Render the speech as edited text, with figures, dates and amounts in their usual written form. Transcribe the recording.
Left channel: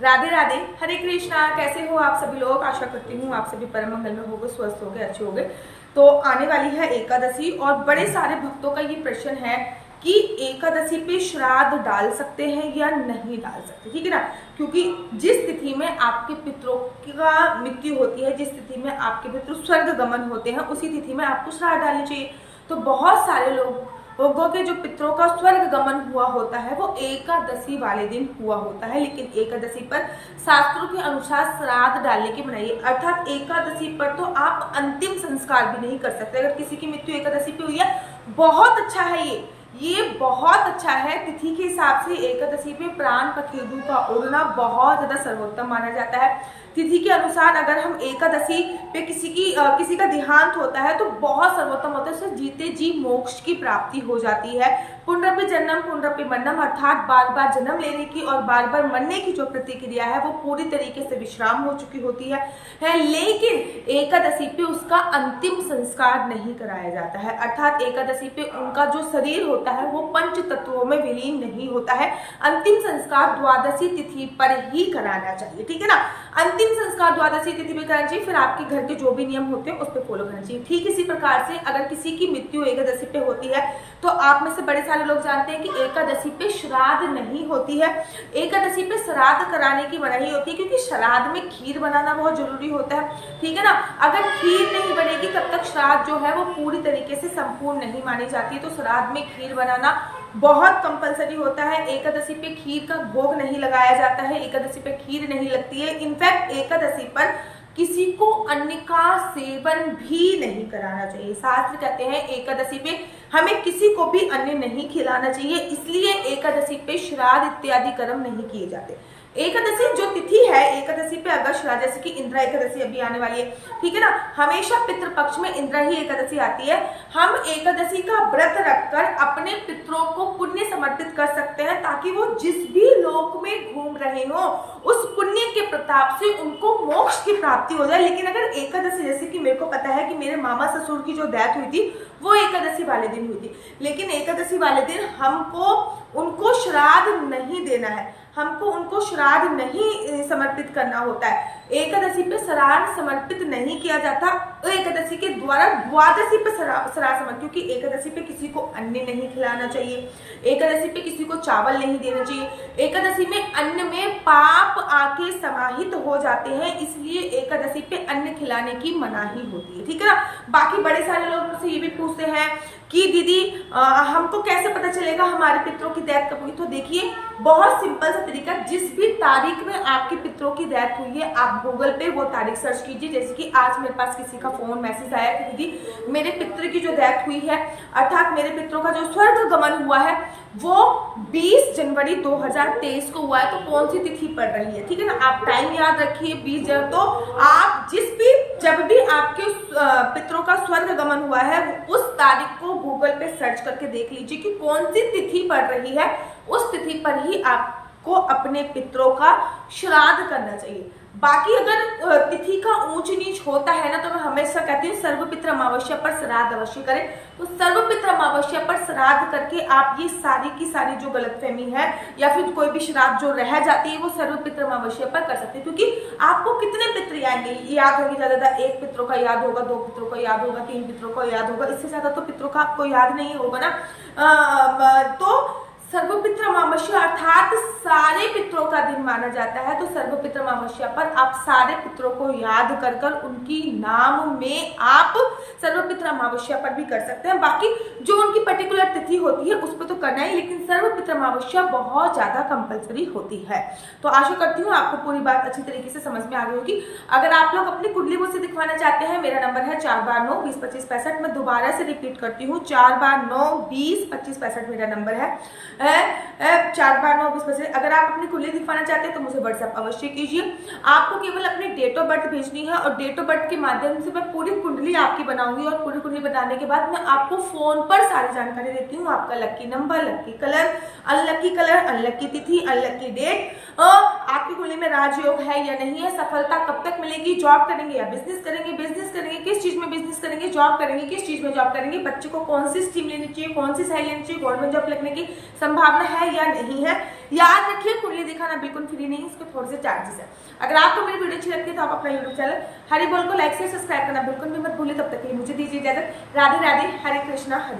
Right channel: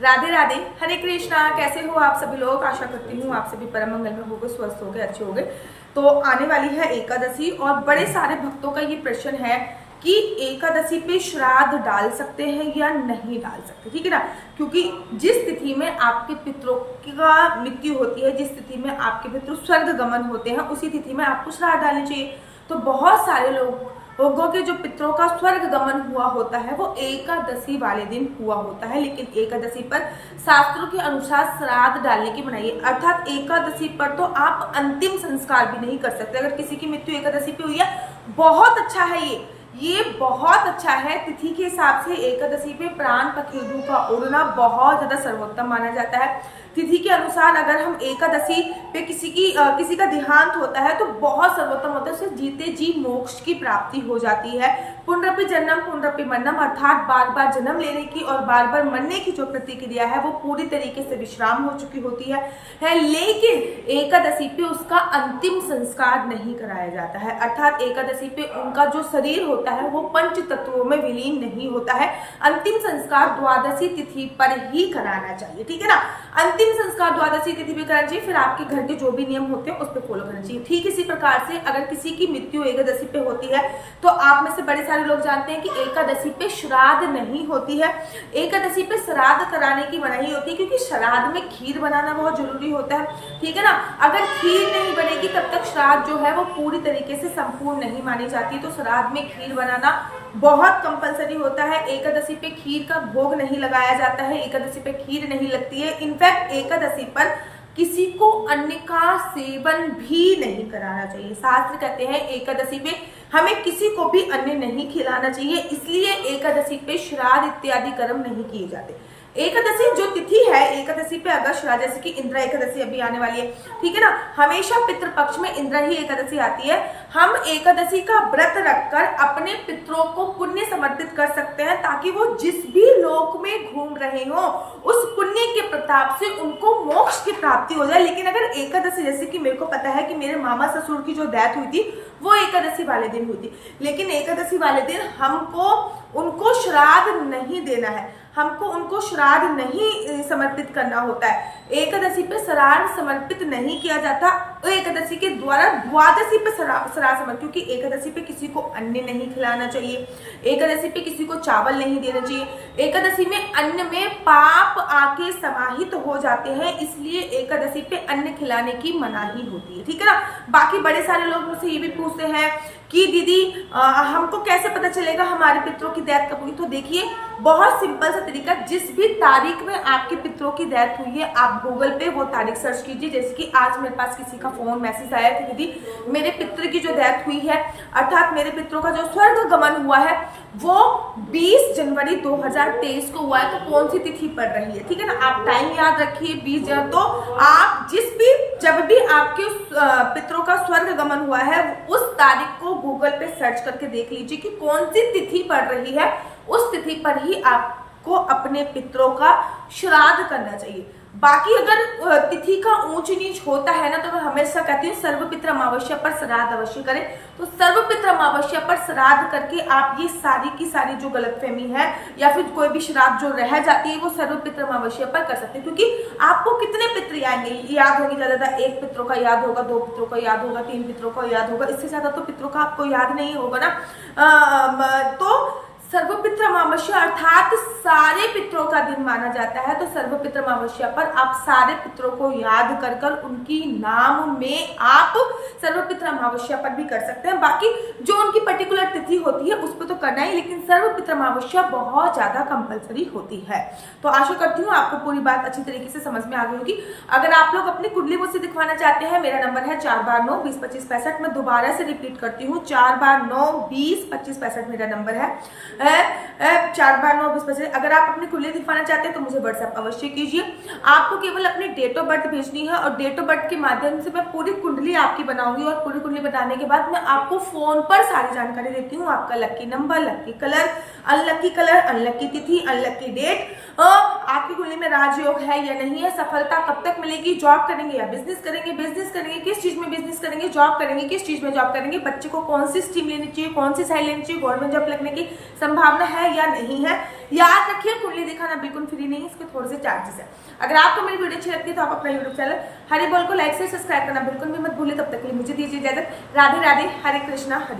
राधे राधे, हरे कृष्णा। कैसे हो आप सभी लोग? आशा करती हूँ आप सभी परम मंगल में होगे, स्वस्थ होगे, अच्छे होगे। तो आने वाली है एकादशी और बड़े सारे भक्तों का ये प्रश्न है कि एकादशी पे श्राद्ध डाल सकते हैं या नहीं डाल सकते, ठीक है ना। क्योंकि जिस तिथि में आपके पितरों का मृत्यु होती है, जिस तिथि में आपके पितृ स्वर्ग गमन होते हैं, उसी तिथि में आपको श्राद्ध डालनी चाहिए। तो बहुत सारे लोगों के जो पितरों का स्वर्ग गमन हुआ होता है वो एकादशी वाले दिन हुआ होता है, लेकिन एकादशी पर शास्त्रों के अनुसार श्राद्ध डालने की मनाही है। अर्थात एकादशी पर तो आप अंतिम संस्कार भी नहीं कर सकते। अगर किसी की मृत्यु एकादशी पे हुई है, बहुत अच्छा है, ये बहुत अच्छा है। तिथि के हिसाब से एकादशी पे प्राण पखेरु का उड़ना बहुत ज्यादा सर्वोत्तम माना जाता है। तिथि के अनुसार अगर हम एकादशी पे किसी का देहांत होता है तो बहुत सर्वोत्तम होता है, उससे जीते जी मोक्ष की प्राप्ति हो जाती है। पुनरपि जन्म पुनरपि मरणम, अर्थात बार बार जन्म लेने की और बार बार मरने की जो प्रतिक्रिया है वो पूरी तरीके से विश्राम हो चुकी होती है। लेकिन एकादशी पे उसका अंतिम संस्कार नहीं कराया जाता है। अर्थात एकादशी पे उनका जो शरीर होता है वो पंच तत्वों में विलीन नहीं होता है। अंतिम संस्कार द्वादशी तिथि पर ही कराना चाहिए, ठीक है ना। अंतिम संस्कार द्वादशी तिथि पे कराना चाहिए। फिर आपके घर के जो भी नियम होते हैं उस पर फॉलो करना चाहिए। ठीक इसी प्रकार से अगर किसी की मृत्यु एकादशी पे होती है तो आप में से बड़े सारे लोग जानते हैं कि एकादशी पे श्राद्ध नहीं होती है। एकादशी पे श्राद्ध कराने की मनाही होती है, क्योंकि श्राद्ध में खीर बनाना बहुत जरूरी होता है, ठीक है ना। अगर खीर नहीं बनेगी तब तक श्राद्ध जो है वो पूरी तरीके से संपूर्ण नहीं मानी जाती। तो श्राद्ध में खीर बनाना बहुत कंपलसरी होता है। एकादशी पे खीर का भोग नहीं लगाया जाता है, एकादशी पे खीर नहीं लगती है। इनफैक्ट एकादशी पर किसी को अन्न का सेवन भी नहीं कराना चाहिए। शास्त्र कहते हैं एकादशी पे हमें किसी को भी अन्न नहीं खिलाना चाहिए, इसलिए एकादशी पे श्राद्ध इत्यादि कर्म नहीं किए जाते। एकादशी जो तिथि है, एकादशी पे अगर श्राद्ध, जैसे कि इंद्रा एकादशी अभी आने वाली है, ठीक है ना। हमेशा पितृपक्ष में इंद्रा ही एकादशी आती है। हम एकादशी का व्रत रखकर अपने पितरों को पुण्य समर्पित कर सकते हैं, ताकि वो जिस भी लोक में घूम रहे हो उस पुण्य के प्रताप से उनको मोक्ष की प्राप्ति हो जाए। लेकिन अगर एकादशी, जैसे कि मेरे को पता है कि मेरे मामा ससुर की जो डेथ हुई थी वो एकादशी वाले दिन हुई थी, लेकिन एकादशी वाले दिन हमको उनको श्राद्ध नहीं देना है, हमको उनको श्राद्ध नहीं समर्पित करना होता है। एकादशी पे श्राद्ध समर्पित नहीं किया जाता। एकादशी के द्वारा द्वादशी पे श्राद्ध समर्पित, क्योंकि एकादशी पे किसी को अन्न नहीं खिलाना चाहिए, एकादशी पे किसी को चावल नहीं देना चाहिए। एकादशी में अन्न में पाप आके समाहित हो जाते हैं, इसलिए एकादशी पे अन्न खिलाने की मनाही होती है, ठीक है ना। बाकी बड़े सारे लोग मुझसे ये भी पूछते हैं कि दीदी हमको कैसे पता चलेगा हमारे पितरों की डेथ कब हुई? तो देखिए, बहुत सिंपल सा तरीका, जिस भी तारीख में आपके पितरों की डेथ हुई है आप गूगल पे वो तारीख सर्च कीजिए। जैसे कि आज मेरे पास किसी का फोन मैसेज आया कि दीदी मेरे पितर की जो डेथ हुई है, अर्थात मेरे पितरों का जो स्वर्ग गमन हुआ है वो 20 जनवरी 2023 को हुआ है, तो कौन सी तिथि पड़ रही है, ठीक है ना। आप टाइम याद रखिए 20 जनवरी। तो आप जब भी आपके पितरों का स्वर्ग गमन हुआ है उस तारीख को गूगल पे सर्च करके देख लीजिए कि कौन सी तिथि पड़ रही है। उस तिथि पर ही आपको अपने पितरों का श्राद्ध करना चाहिए। बाकी अगर तिथि का ऊंच नीच होता है ना, तो मैं हमेशा कहती हूँ सर्वपित्र अमावस्या पर श्राद्ध अवश्य करें। तो सर्वपित्र अमावस्या पर श्राद्ध करके आप ये सारी की सारी जो गलतफहमी है या फिर कोई भी श्राद्ध जो रह जाती है वो सर्वपित्र अमावस्या पर कर सकते हैं। क्योंकि आपको कितने पितृ आएंगे याद होंगे, ज्यादा एक पितरों का याद होगा, 2 पितरों का याद होगा, 3 पितरों का याद होगा, इससे ज्यादा तो पितरों का आपको याद नहीं होगा ना। तो सर्वपित्र अमावस्या अर्थात सारे पितरों का दिन माना जाता है। तो सर्वपित्र अमावस्या पर आप सारे पितरों को याद कर कर उनकी नाम में आप सर्वपित्र अमावस्या पर भी कर सकते हैं। बाकी जो उनकी पर्टिकुलर तिथि होती है उस पर तो करना ही, लेकिन सर्वपित्र अमावस्या बहुत ज्यादा कंपलसरी होती है। तो आशा करती हूँ आपको पूरी बात अच्छी तरीके से समझ में आ गई होगी। अगर आप लोग अपनी कुंडली मुझसे दिखवाना चाहते हैं, मेरा नंबर है 4/9-20-25-65। मैं दोबारा से रिपीट करती हूँ, 4/9-20-25-65 मेरा नंबर है। 4/9-20-25। अगर आप अपनी कुंडली दिखवाना चाहते हैं तो मुझे व्हाट्सएप अवश्य कीजिए। आपको केवल अपनी डेट ऑफ बर्थ भेजनी है और डेट ऑफ बर्थ के माध्यम से मैं पूरी कुंडली आपकी बनाऊंगी और पूरी कुंडली बनाने के बाद मैं आपको फोन पर सारी जानकारी देती हूँ। आपका लक्की नंबर, लक्की कलर, अनलक्की तिथि, अनलक्की डेट, आपकी कुंडली में राजयोग है या नहीं है, सफलता कब तक मिलेगी, जॉब करेंगे या बिजनेस करेंगे, बिजनेस करेंगे किस चीज में बिजनेस करेंगे, जॉब करेंगे किस चीज में जॉब करेंगे, बच्चे को कौन सी स्ट्रीम लेनी चाहिए, कौन सी साइड लेनी चाहिए, गवर्नमेंट जॉब लगने की संभावना है या नहीं है। याद रखिए कुंडली दिखाना बिल्कुल फ्री नहीं है, इसके थोड़े से चार्जेस है। अगर आपको मेरी वीडियो अच्छी लगती है तो आप अपना यूट्यूब चैनल हरी बोल को लाइक से सब्सक्राइब करना बिल्कुल भी मत भूलिए। तब तक के लिए मुझे दीजिए इजाजत। राधे राधे, हरे कृष्णा, हरे